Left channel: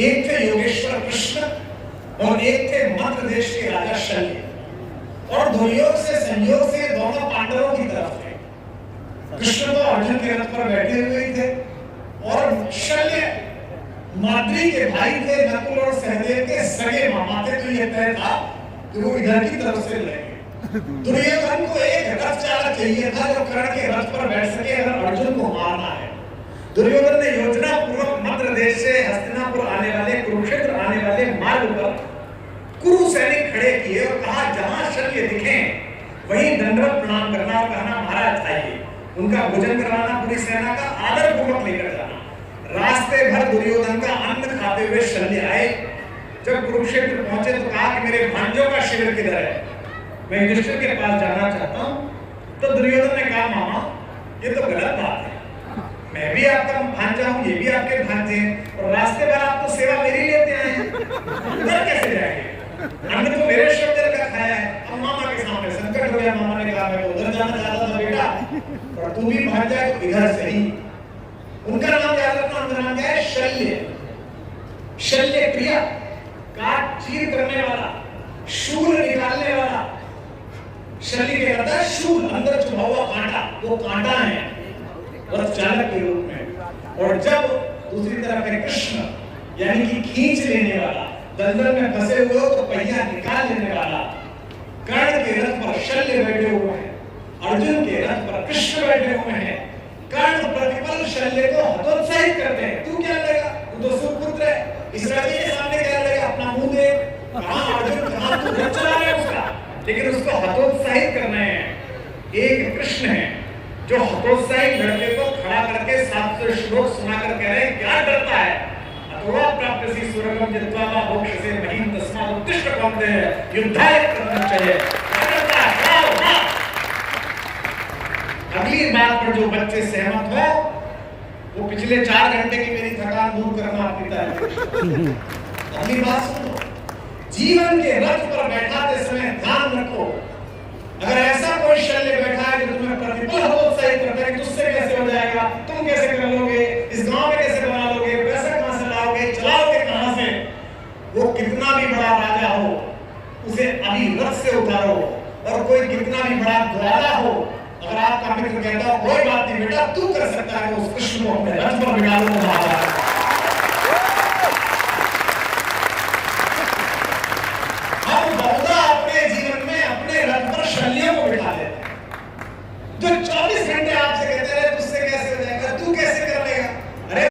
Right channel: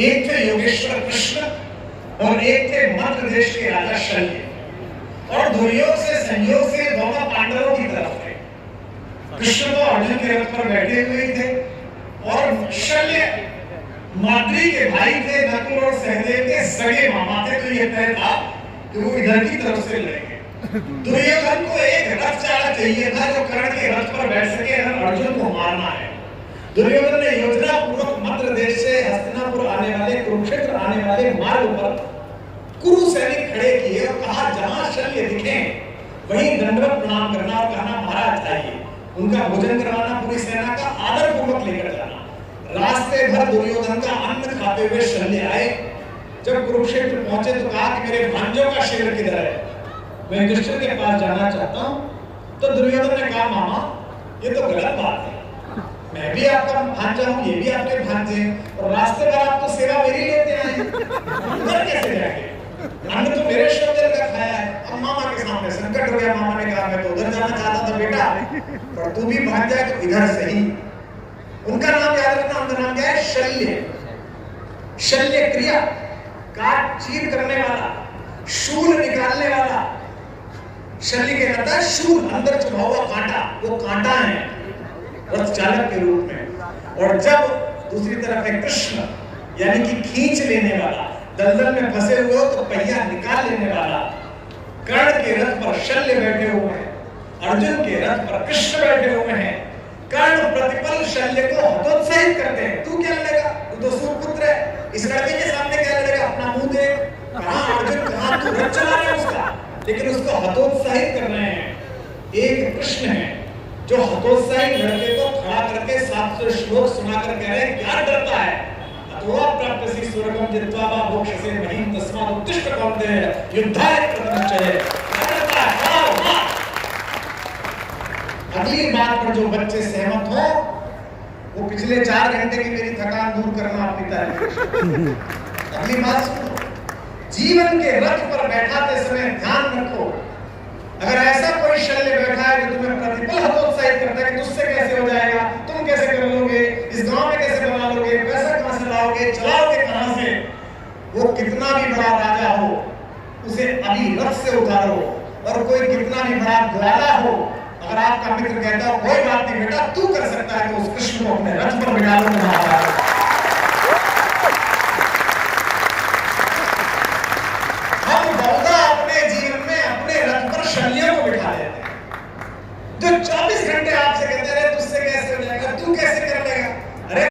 एक थे योगेश्वर कृष्ण और एक थे मध्य देश के राजा शल्य। और दुर्योग से संयोग से दोनों पांडवों की तरफ थे। कृष्ण तो अर्जुन के रथ पर बैठे हुए थे और शल्य माद्री के भाई थे, नकुल और सहदेव के सगे मामा थे। तो ये तय था कि वो इधर की तरफ से लड़ेंगे। दुर्योधन को एक रथ चालक चाहिए था जो कर्ण के रथ पर बैठ सके और अर्जुन को मारना है। दुर्योधन ने योजना पूर्वक मध्य देश से हस्तिनापुर आने वाले, कुरुक्षेत्र आने वाले मार्ग पर कुरु सैनिक खड़े किए और कहा जहां शल्य दिखे वहीं दंडवत प्रणाम करना और कहना महाराज आइए। उनका भोजन करवाना, पूरी सेना का आदर पूर्वक लेकर जाना। रास्ते भर दुर्योधन का अन्न खाते हुए शल्य आए। जब कुरुक्षेत्र पहुंचे तो कहा कि मेरे भांजों का शिविर किधर है, मैं युधिष्ठिर के पास जाना चाहता हूं। तो दुर्योधन ने कहा मामा ये तो गलत बात है, मैं भी आपका भांजा हूं, ये भी आपके भांजे हैं और रास्ते भर आप तो सेवा मेरी लेते आए, उधर कैसे जाएंगे? अन्न तो मेरे शब्द का खाया है। अब मामा के सामने संकट हो गया। मामा ने कहा मैं तो उधर जाना चाहता था बेटा, पर तू भी भाग जाए तो इधर से ही। उनका नाम याद रखना, उनका नाम क्या है? शल्य। शल्य क्रिया, काट चीर करने वाला, शूल निकालने वाला। शल्य के कहता है शूल, अंदर छुपा हुआ कांटा, वो कांटा है रथ चालक के रूप में। और जब दूसरी तरफ है कृष्ण, यानी कि खींच लेने वाला, दलदल में फंसे हुए हो तो पहिया निकाल लेने वाला। कर्ण के रथ पर शल्य बैठे हुए हैं, अर्जुन के रथ पर कृष्ण बैठे हुए हैं। कर्ण प्रतिपल शल्य को हतोत्साहित करते हैं। तू क्या लेगा, तू तो सुपुत्र है, इस राज्य के सामने क्या लेगा, अपना मुंह दे। कहां अर्जुन, कहां तू रथ चला रहा है उसका, लेकिन उसको हतोत्साहित कर रहे हैं। एक कृष्ण है जो हतोत्साहित लड़के को खड़ा करके 700 श्लोक सुनाकर कह रहे हैं क्या डरता है, अथवा प्राप्तसी स्वर्गम जित्वा वा मोक्षसे महीम तस्मात् उत्तिष्ठ कौन्तेय युद्धाय कृतनिश्चय। अगली बात पर जो बच्चे सहमत हो वो पिछले 4 घंटे की मेरी थकान दूर करना आप पिता है। अगली बात सुनो, जीवन के रथ पर बैठाते समय ध्यान रखो, अगर ऐसा कोई शल्य बैठा है जो तुम्हें प्रतिपल हतोत्साहित करता है, तुझसे कैसे हो जाएगा, तुम कैसे कर लोगे, इस गांव में कैसे बना लोगे, पैसा कहां से लाओगे, चलाओगे कहां से, वो कितना भी बड़ा राजा हो उसे अभी रथ से उतारो। और कोई कितना भी बड़ा ग्वाला हो, अगर आपका मित्र कहता है कोई बात नहीं बेटा तू कर सकता है, तो उस कृष्ण को अपने रथ पर बिठा लो।